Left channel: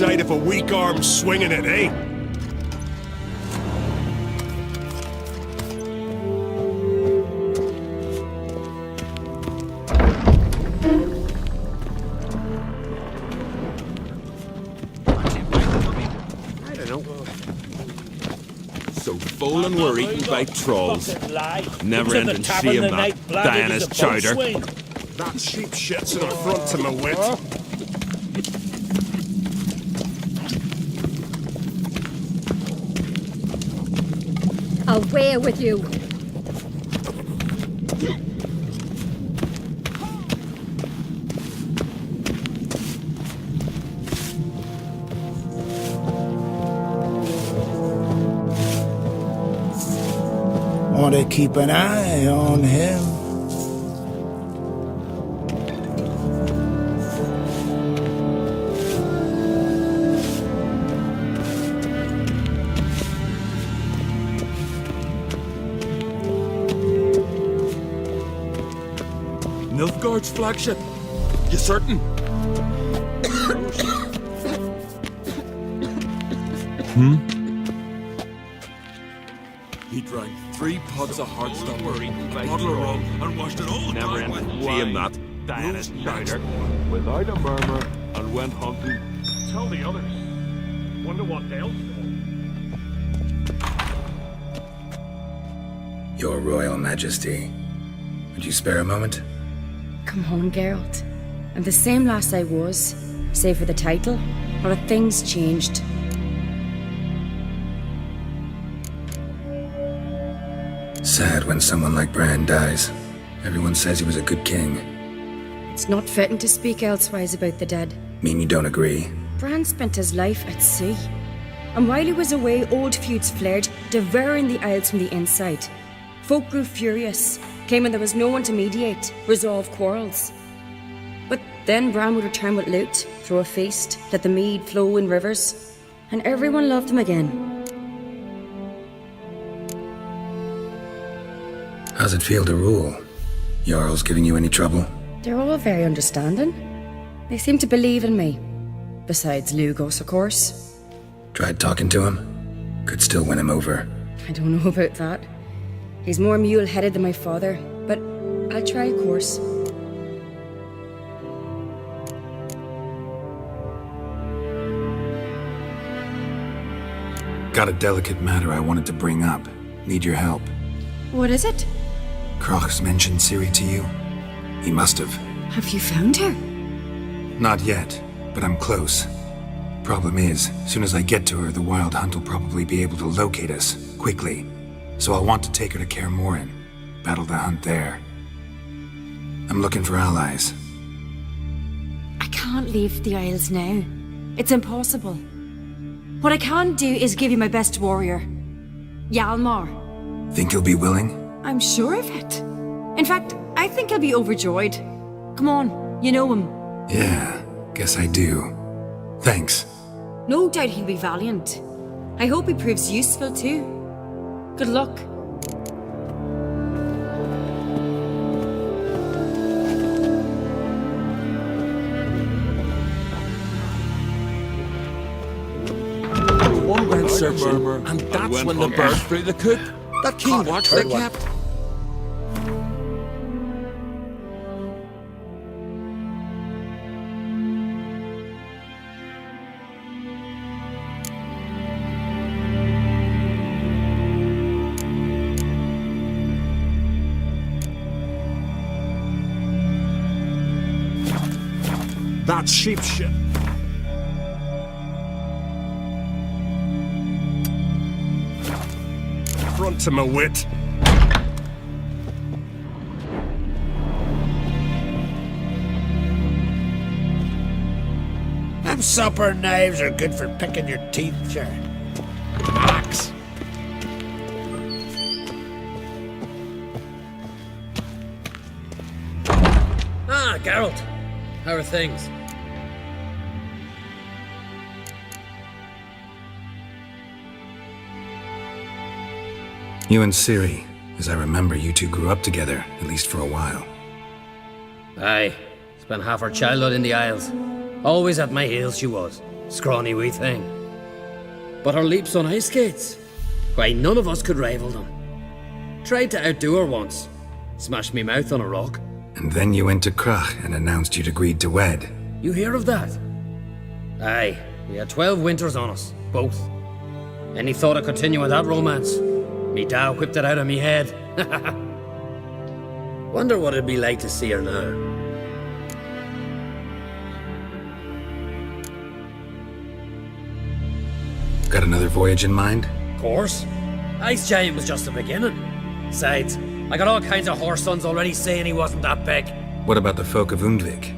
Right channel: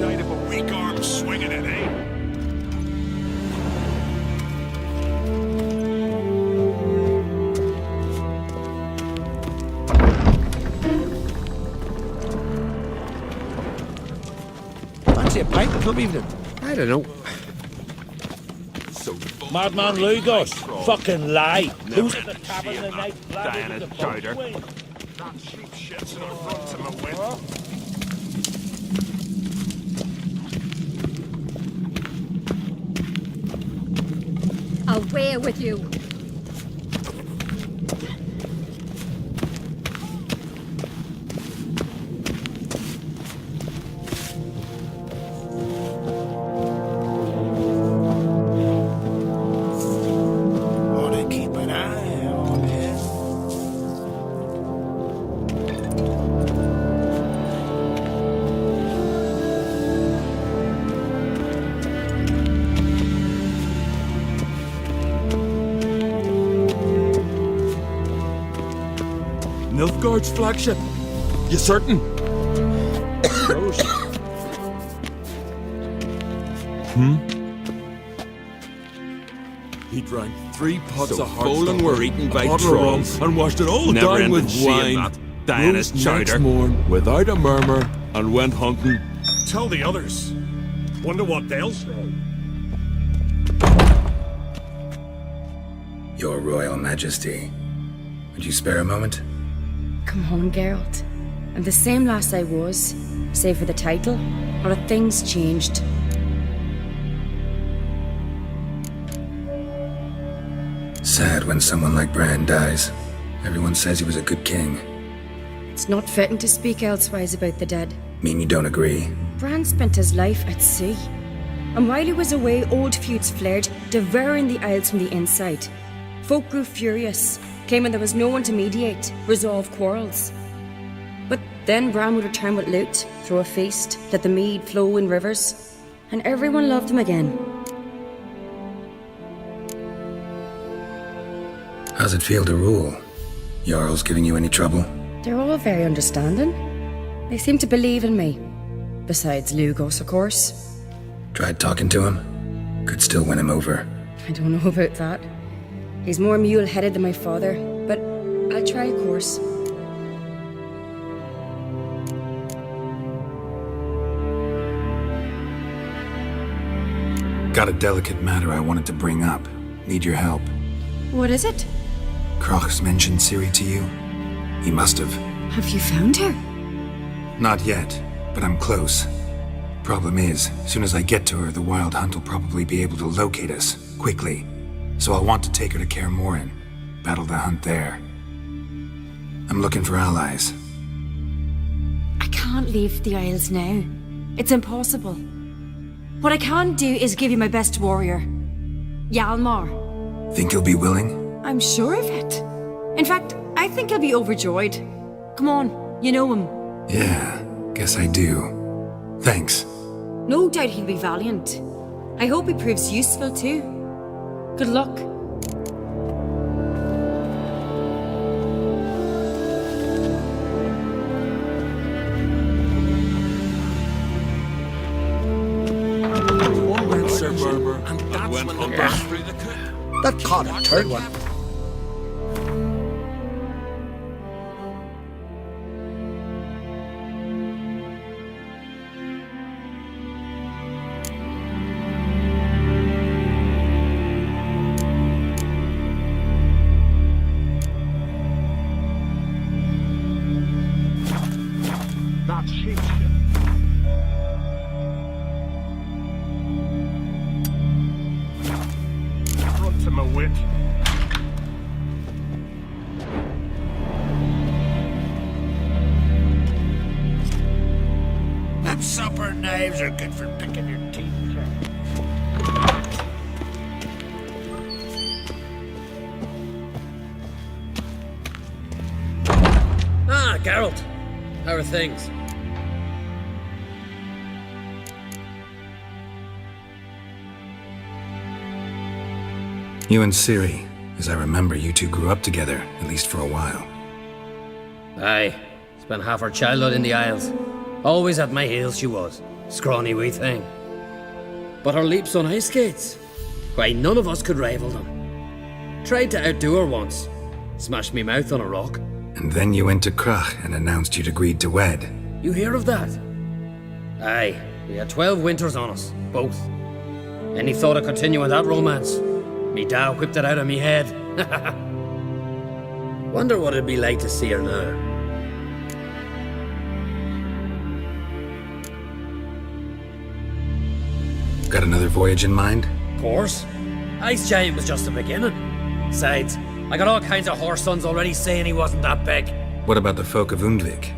Shite if a weak arm's swinging it, eh? know. So full and worried by trolls. Fucking lie. Never-ending shame that, Diana's chowder. That sheep shit's an affront to my wit. Away with you! Want to keep an eye on him. Nilfgaard's flagship. You certain? He drank 3 pots of Hearthstone, a bottle of rum, and washed it all down with shame wine. that, Diana's Rose next chowder. morn without a murmur and went hunting. Tell the others. Wonder what they'll say. Your Royal Majesty, would you spare a moment? Come on, Geralt. I'm the same lass I was, save for the title, or have things changed? Sad when someone like Bran dies. Everyone says he was a good king. It's not fitting to speak elsewise about the dead. Mean you don't agree? Bran spent his life at sea. And while he was away, old feuds flared, devouring the Isles from the inside. Folk grew furious, claiming there was no one to mediate, resolve quarrels. But then Bran would return with loot, throw a feast, let the mead flow in rivers, and everyone loved him again. How's it feel to rule? Jarl's giving you any trouble? They're all very understanding. They seem to believe in me. Besides Lugos, of course. Tried talking to him? Could still win him over. I don't know about that. He's more mule-headed than my father, but I'll try, of course. Got a delicate matter I wanted to bring up. Need your help. What is it? Kroch's mentioned Ciri to you? He must have. Have you found her? Not yet, but I'm close. Problem is, soon as I get to her, the Wild Hunt will probably be able to locate us, quickly. So I'll want to take her to Kaer Morhen, battle the hunt there. I'm looking for allies. I can't leave the Isles now. It's impossible. What I can do is give you my best warrior, Hjalmar. Think he'll be willing? I'm sure of it. In fact, I think he'll be overjoyed. Come on, you know him. Yeah, guess I do. Thanks. No doubt he'll be valiant. I hope he proves useful too. Good luck. One went searching, and that's when the burst through the coop. That caught a third one. That's sheep shit. Front to my wit. Them supper knives are good for picking your teeth, sure. Ah, Geralt. How are things? You and Ciri. As I remember, you two grew up together, at least for a while. Aye. Spent half her childhood in the Isles. Always at my heels she was. Scrawny wee thing. But her leaps on ice skates? Why, none of us could rival them. Tried to outdo her once. Smashed me mouth on a rock. And then you went to Kroch and announced you'd agreed to wed. You hear of that? Aye. We had 12 winters on us. Both. Any thought of continuing that romance? Me dad whipped it out of me head. Wonder what it'd be like to see her now. Got another voyage in mind? Of course. Ice Giant was just the beginning. Besides, I got all kinds of horse sons already saying he wasn't that big. What about the folk of Undvik?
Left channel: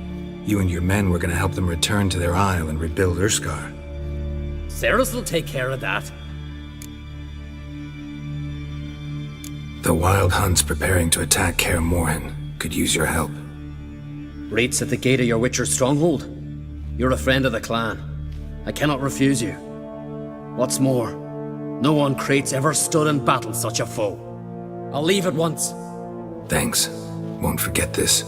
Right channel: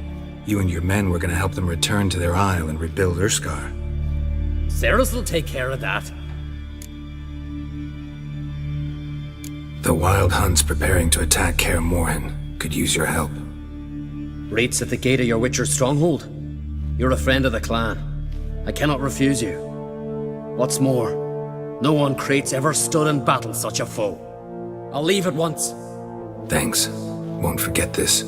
You and your men were gonna help them return to their isle and rebuild Urskar. Ceres will take care of that. The Wild Hunt's preparing to attack Kaer Morhen. Could use your help. Rates at the gate of your Witcher's stronghold. You're a friend of the clan. I cannot refuse you. What's more, no one Crate's ever stood and battled such a foe. I'll leave at once. Thanks. Won't forget this.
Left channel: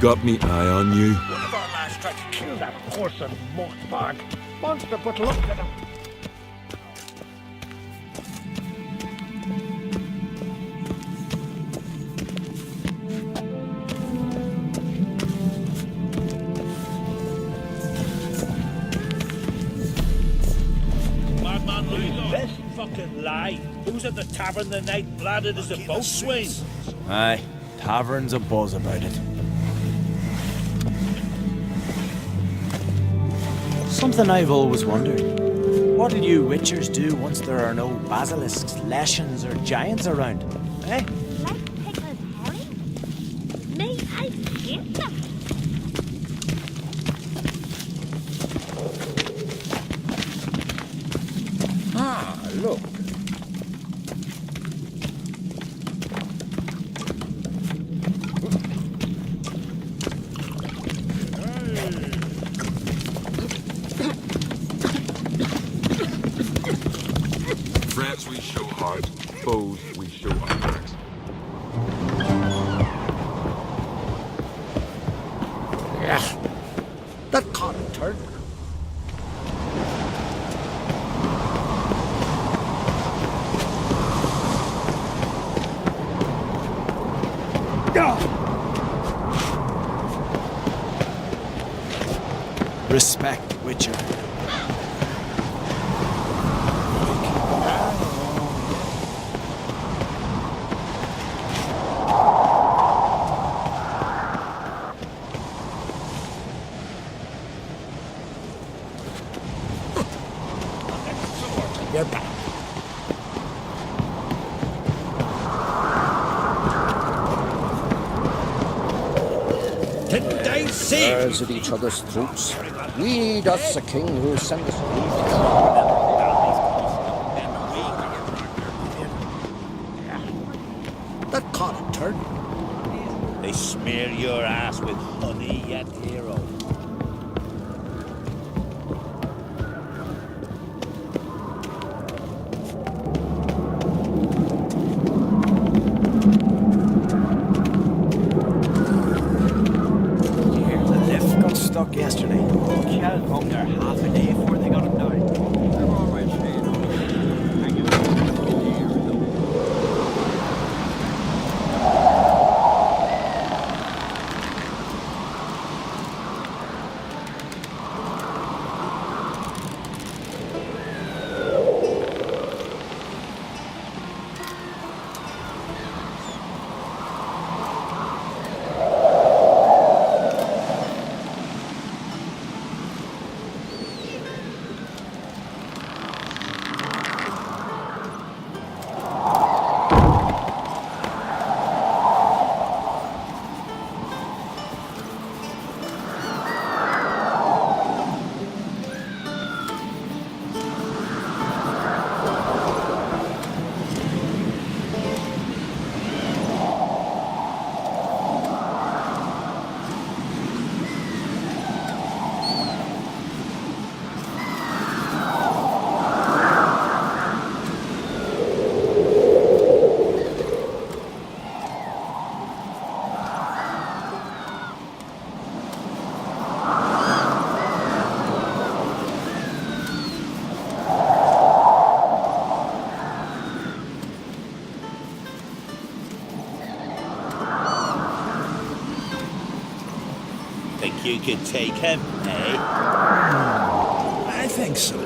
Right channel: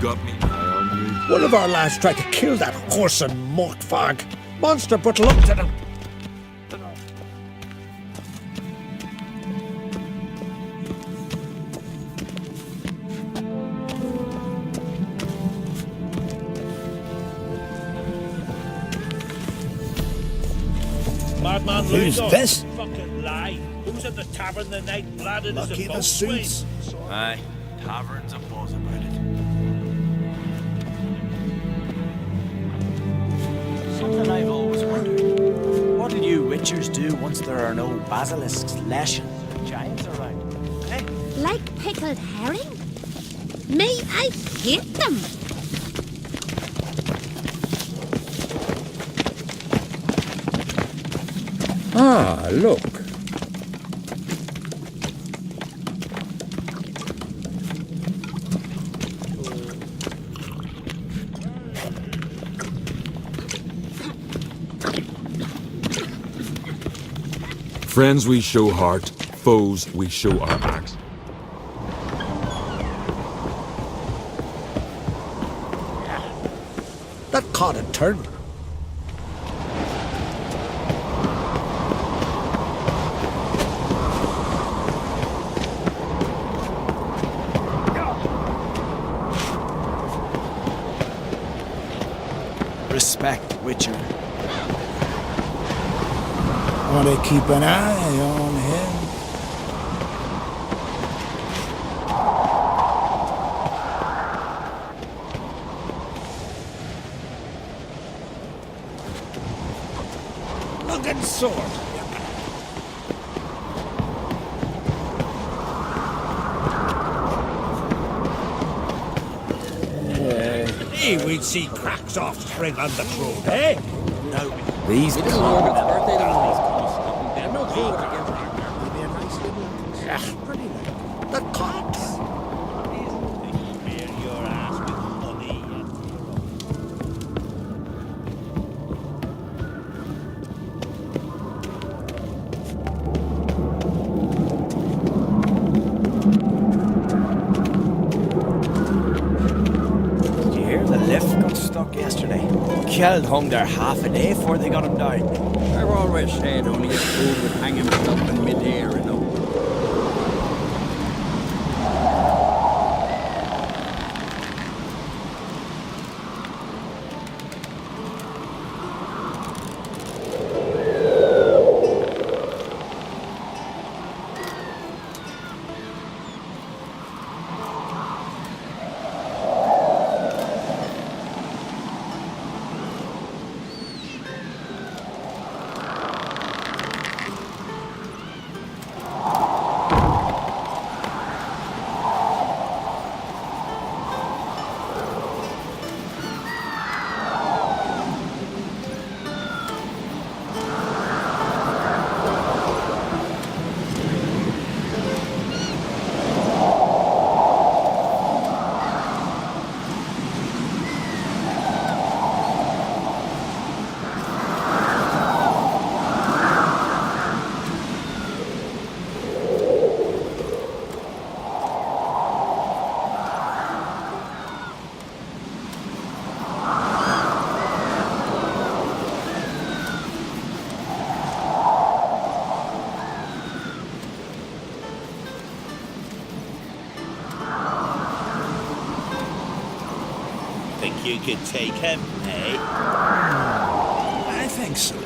Got me eye on you. One of our lads tried to kill that horse and mockfag. Monster, but looked at him. bad man Who's Lugo. this? Fucking lie. Who was at the tavern the night bladdered as a Lucky the boatswain? suits. Aye, tavern's a buzz about it. Something I've always wondered. What'll you witchers do once there are no basilisks, leshens, or giants around? Eh? Like pickled herring? Me, I hate them. Ah, look. Friends we show heart, foes we show our backs. That caught a turn. Respect, witcher. Want to keep an eye on him. Look at sword. You're back. Didn't I say we'd see cracks off spring on the He eh? does the king. These That caught a turn. They smear your ass with honey and hero. Did you hear the lift got stuck yesterday? Kjeld hung there half a day before they got him down. I've always said only a fool hanging from mid-air, you know. Think you could take him, eh? I think so.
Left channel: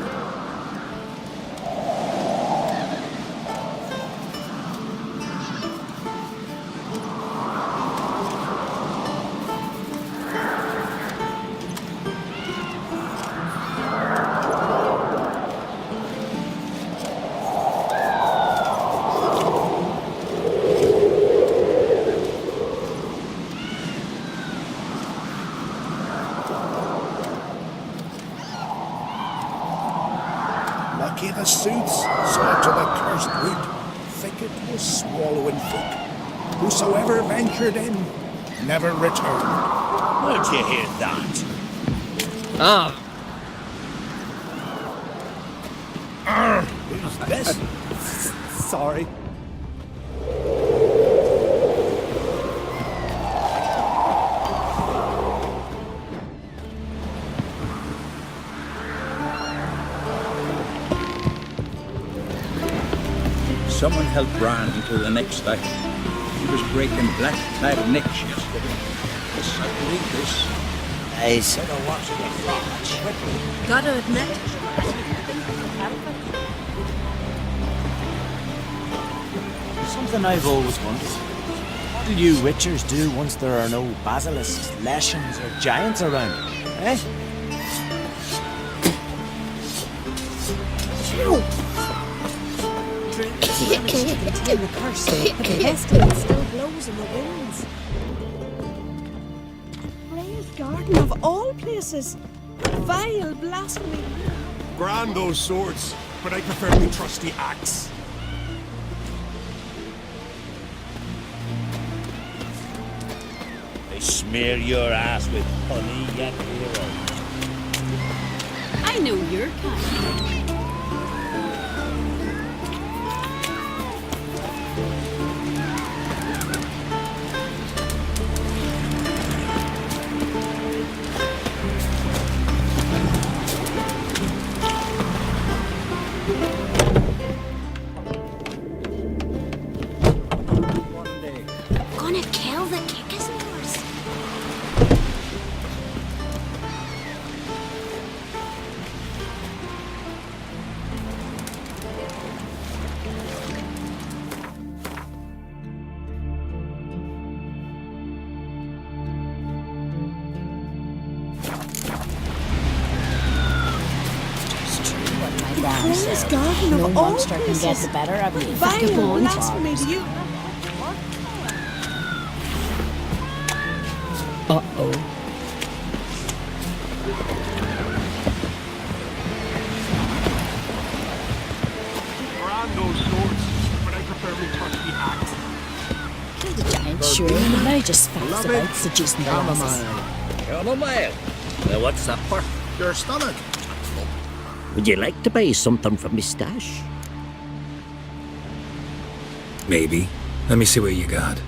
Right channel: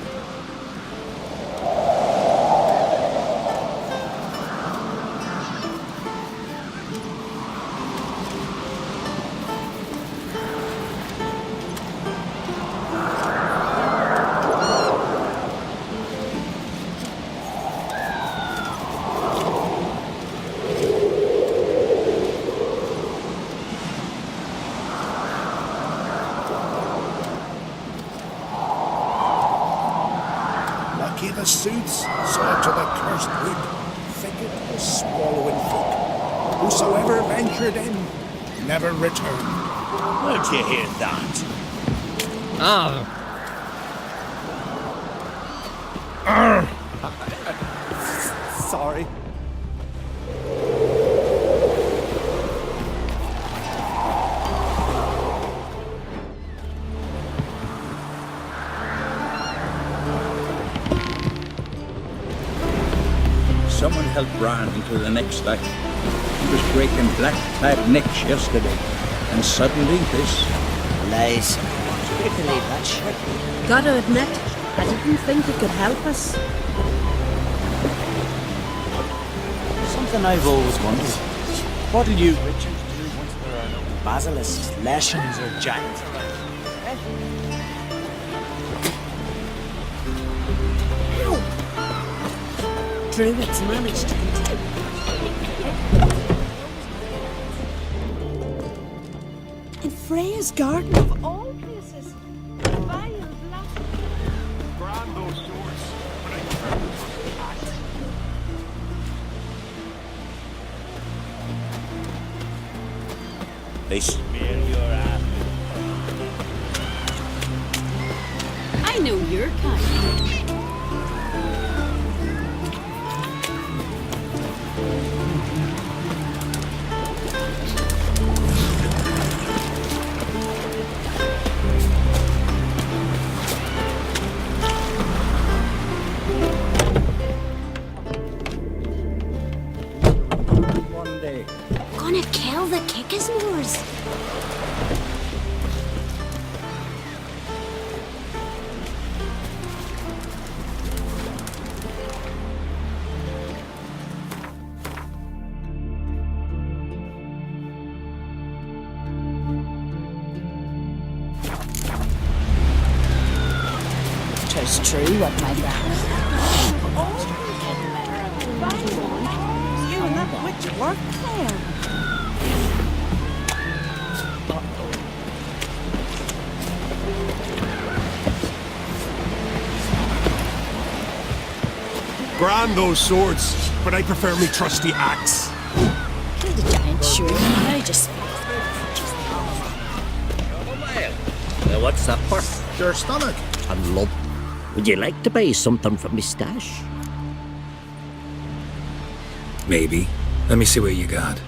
Lucky the suits saw to the cursed wood. Thicket was swallowing folk. Whosoever ventured in never returned. Where'd you hear that? Ah, Sorry. Someone helped Bran into the next day. He was breaking black-clad necks yesterday. And suddenly this... Nice. Gotta admit, I didn't think it could help us. Something I've always wondered. What'll you witchers do once there are no basilisks, leshens, or giants around? Eh? Druids managed to contain the curse and the pestilence and blows in the bones. In Freya's garden of all places. Vile blasphemy. Brand those swords, but I prefer the trusty axe. They smear your ass with honey and I know your kind. One day. Gonna kill the kickasmores. It's true what my grand says. No monster can get the better of me. Vile blasphemy to you and that witch work plan. Brand those swords, but I prefer my trusty axe. Kill the giant, sure. Now just face about seducing the offices. Chamomile. Now what's that for? Your stomach. And lump. Would you like to buy something from me stash? Maybe. Let me see what you got.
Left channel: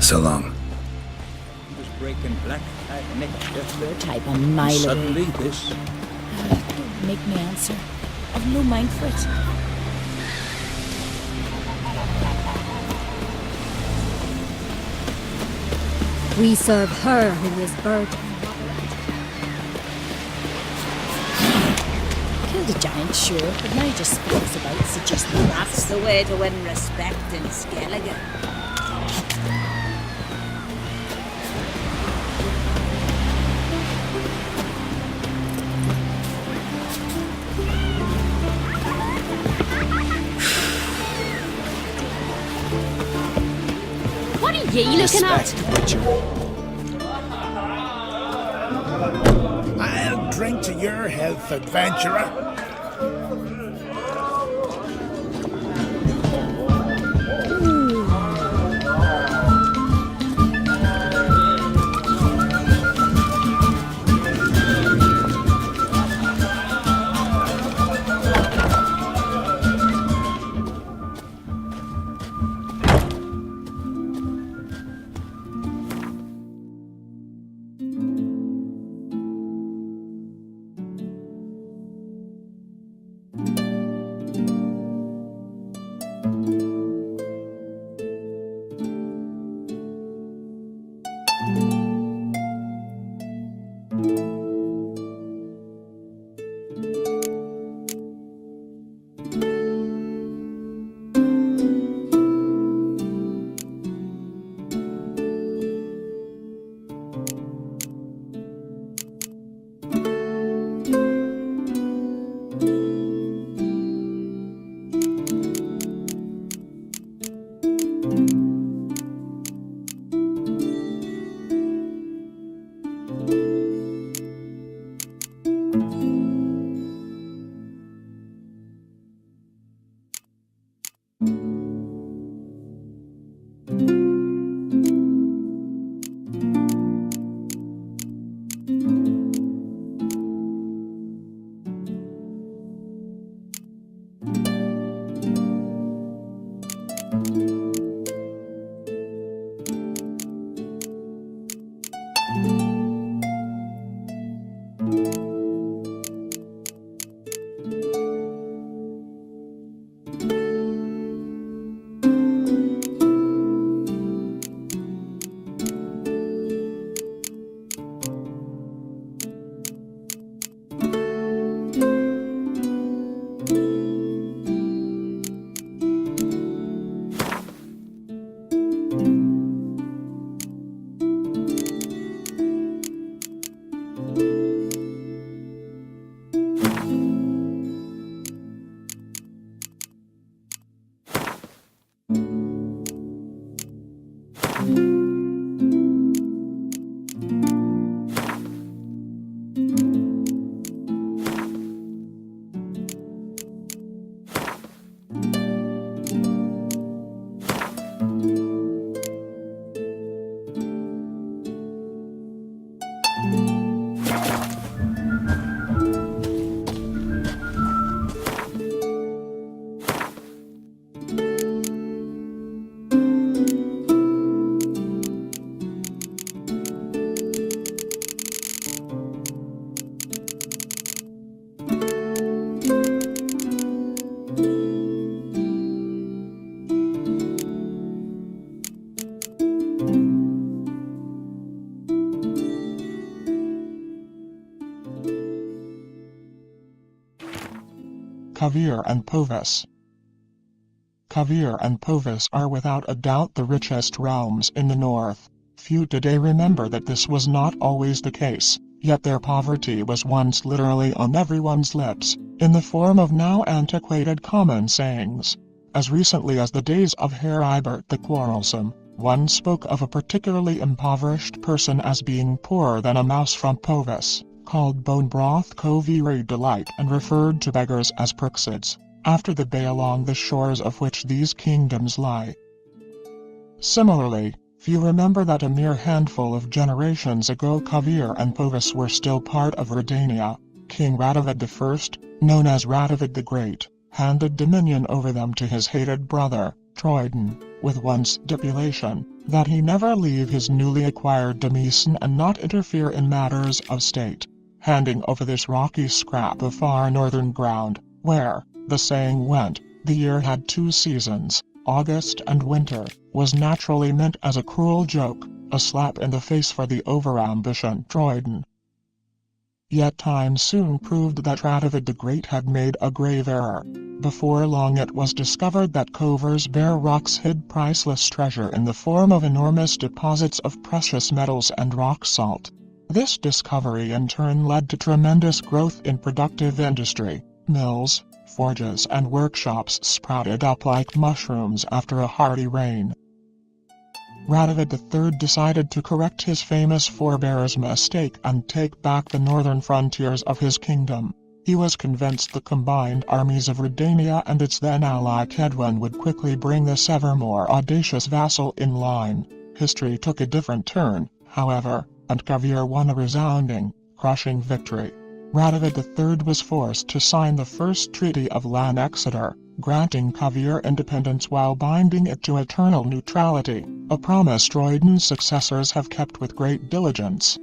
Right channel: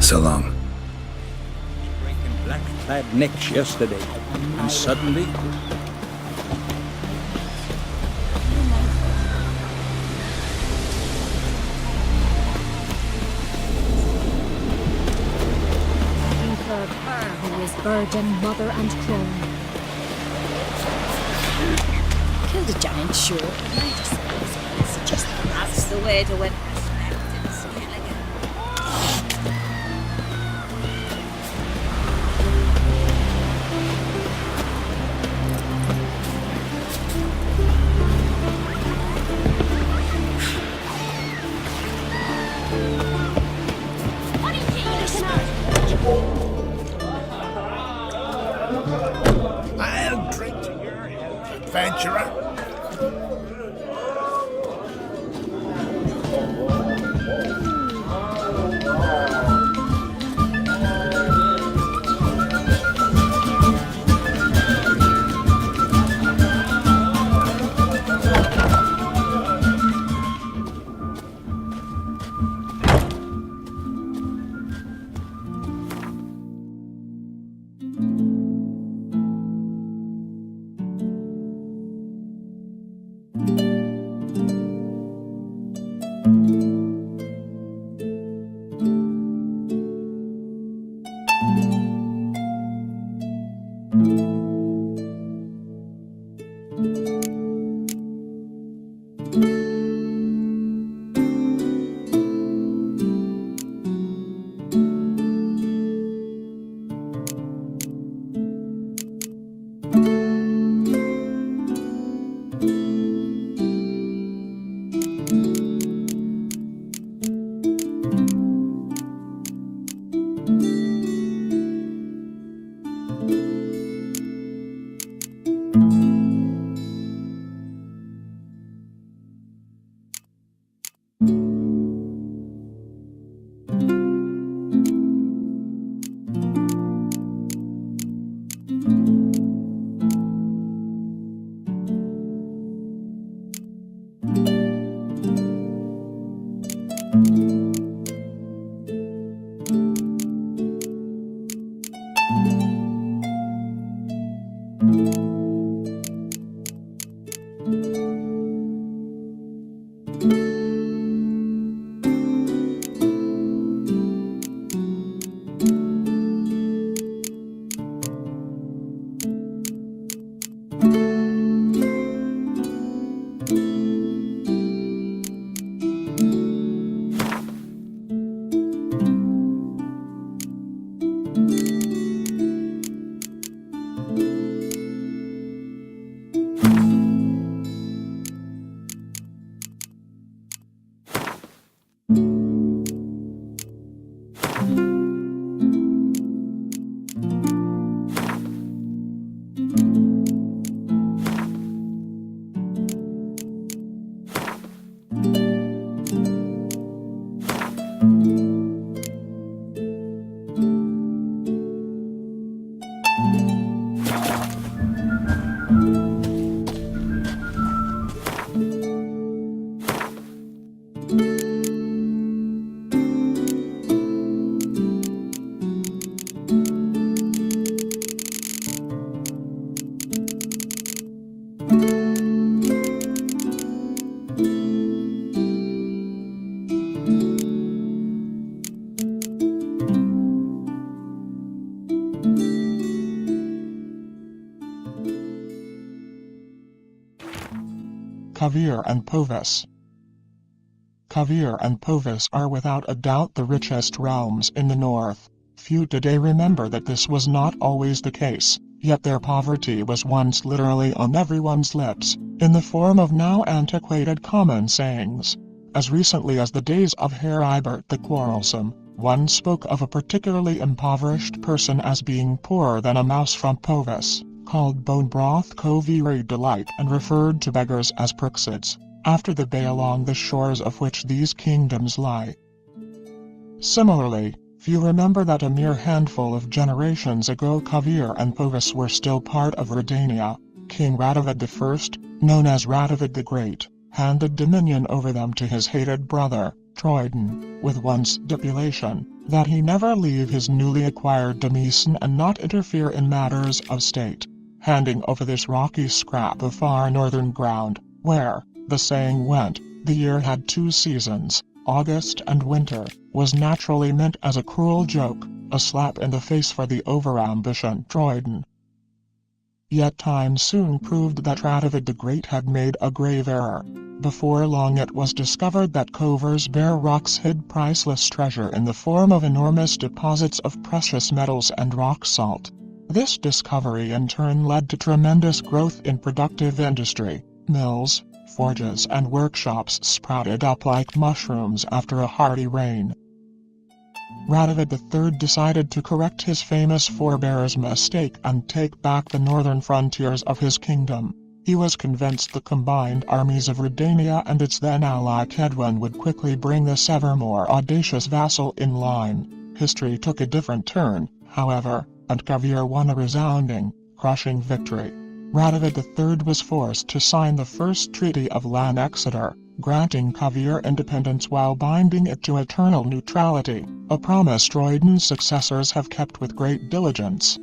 So long. He was breaking black-clad necks yesterday. Type of And Milo. suddenly this. Make me answer. I've no mind for it. We serve her who is burden, mother, and crown. Killed a giant, sure, but now just spells about suggesting That's the way to win respect in Skellige. What are you looking at? I'll drink to your health, adventurer. Kovir and Poviss. Kovir and Poviss are without a doubt the richest realms in the north. Few today remember that this was not always the case, yet their poverty was once literally on everyone's lips, in the form of now antiquated common sayings. As recently as the days of Herr Ibert the Quarrelsome, one spoke of a particularly impoverished person as being poorer than a mouse from Poviss, called bone broth Kovir delight, and referred to beggars as precededs, after the bay along the shores of which these kingdoms lie. Similarly, few remember that a mere handful of generations ago Kovir and Poviss were still part of Redania. King Radovid I, known as Radovid the Great, handed dominion over them to his hated brother, Troyden, with one stipulation, that he never leave his newly acquired demesne and not interfere in matters of state, handing over this rocky scrap of far northern ground, where, the saying went, the year had two seasons, August and winter, was naturally meant as a cruel joke, a slap in the face for the overambition Droiden. Yet time soon proved that Radovid the Great had made a grave error. Before long it was discovered that Kovir's bare rocks hid priceless treasure in the form of enormous deposits of precious metals and rock salt. This discovery in turn led to tremendous growth in productive industry. Mills, forges and workshops sprouted up like mushrooms after a hearty rain. Radovid III decided to correct his famous forebear's mistake and take back the northern frontiers of his kingdom. He was convinced the combined armies of Redania and its then ally Kedwen would quickly bring this ever more audacious vassal in line. History took a different turn, however, and Kovir won a resounding, crushing victory. Radovid III was forced to sign the First Treaty of Lan Exeter, granting Kovir independence while binding it to eternal neutrality, a promise Droiden's successors have kept with great diligence.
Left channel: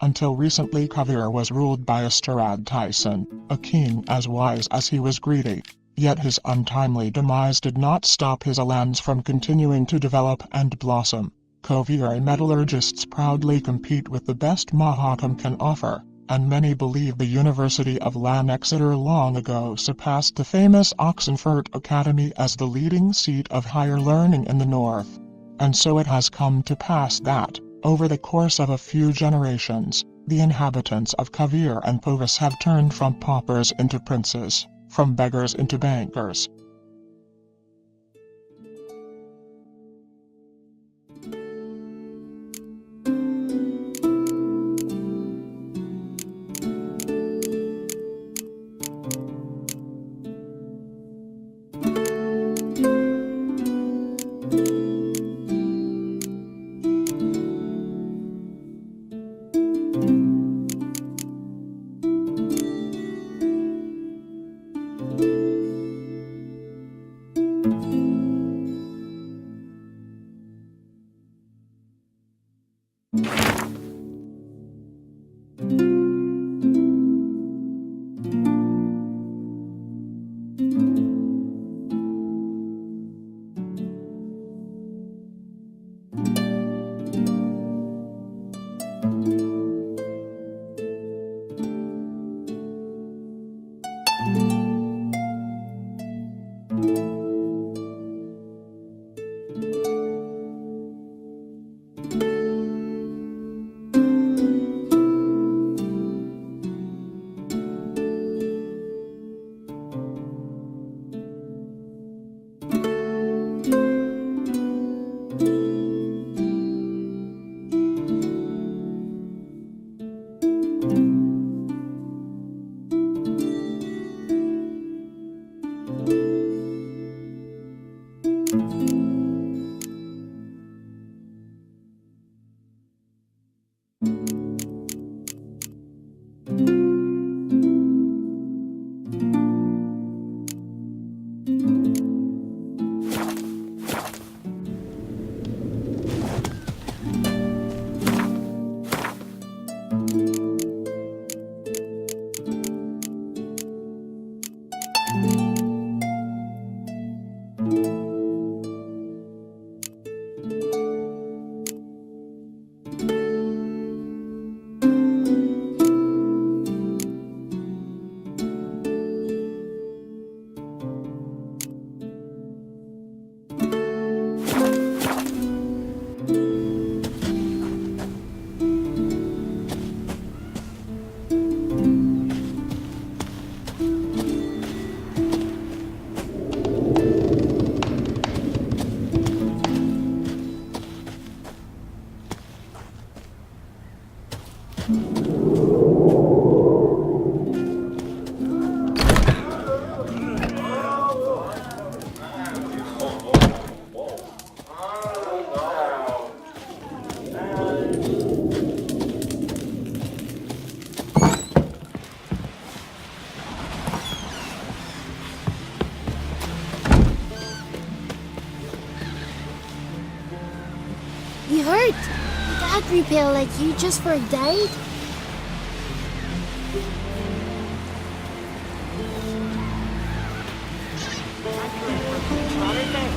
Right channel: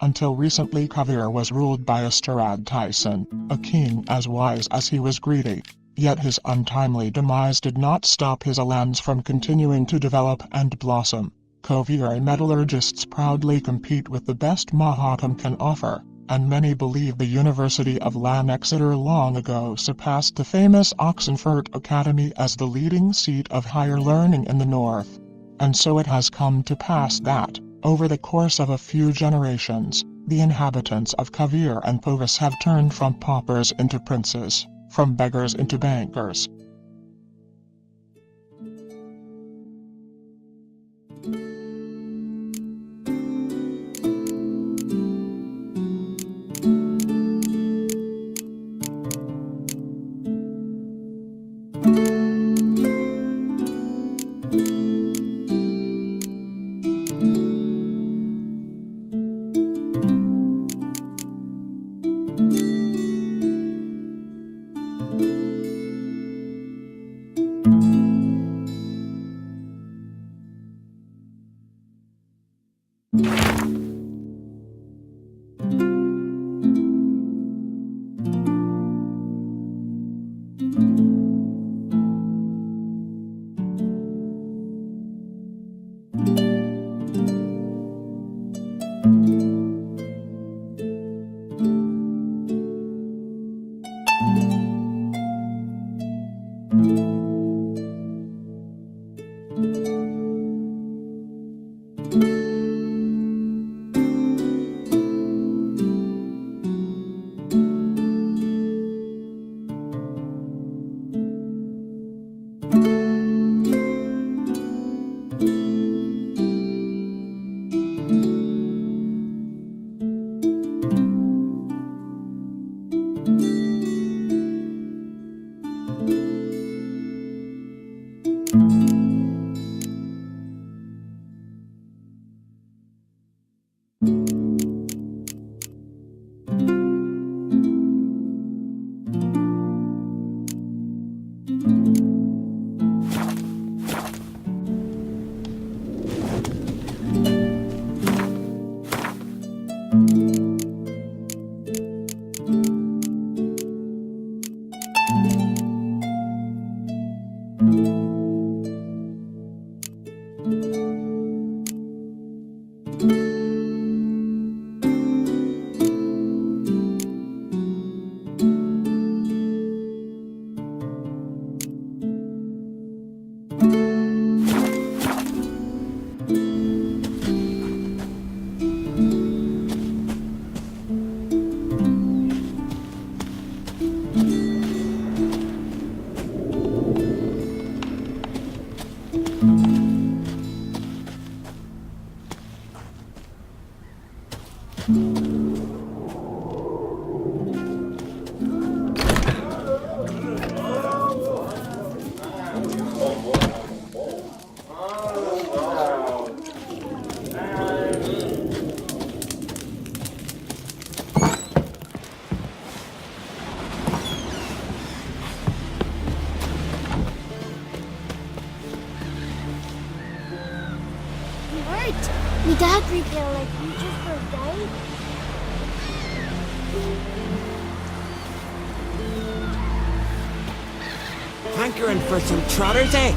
Until recently Kovir was ruled by Ysturad Tyson, a king as wise as he was greedy. Yet his untimely demise did not stop his lands from continuing to develop and blossom. Kovir metallurgists proudly compete with the best Mahakam can offer, and many believe the University of Lan Exeter long ago surpassed the famous Oxenfurt Academy as the leading seat of higher learning in the north. And so it has come to pass that, over the course of a few generations, the inhabitants of Kovir and Poviss have turned from paupers into princes, from beggars into bankers. You hurt. We dad prepare like you just for a day. Hankering for some trotter day.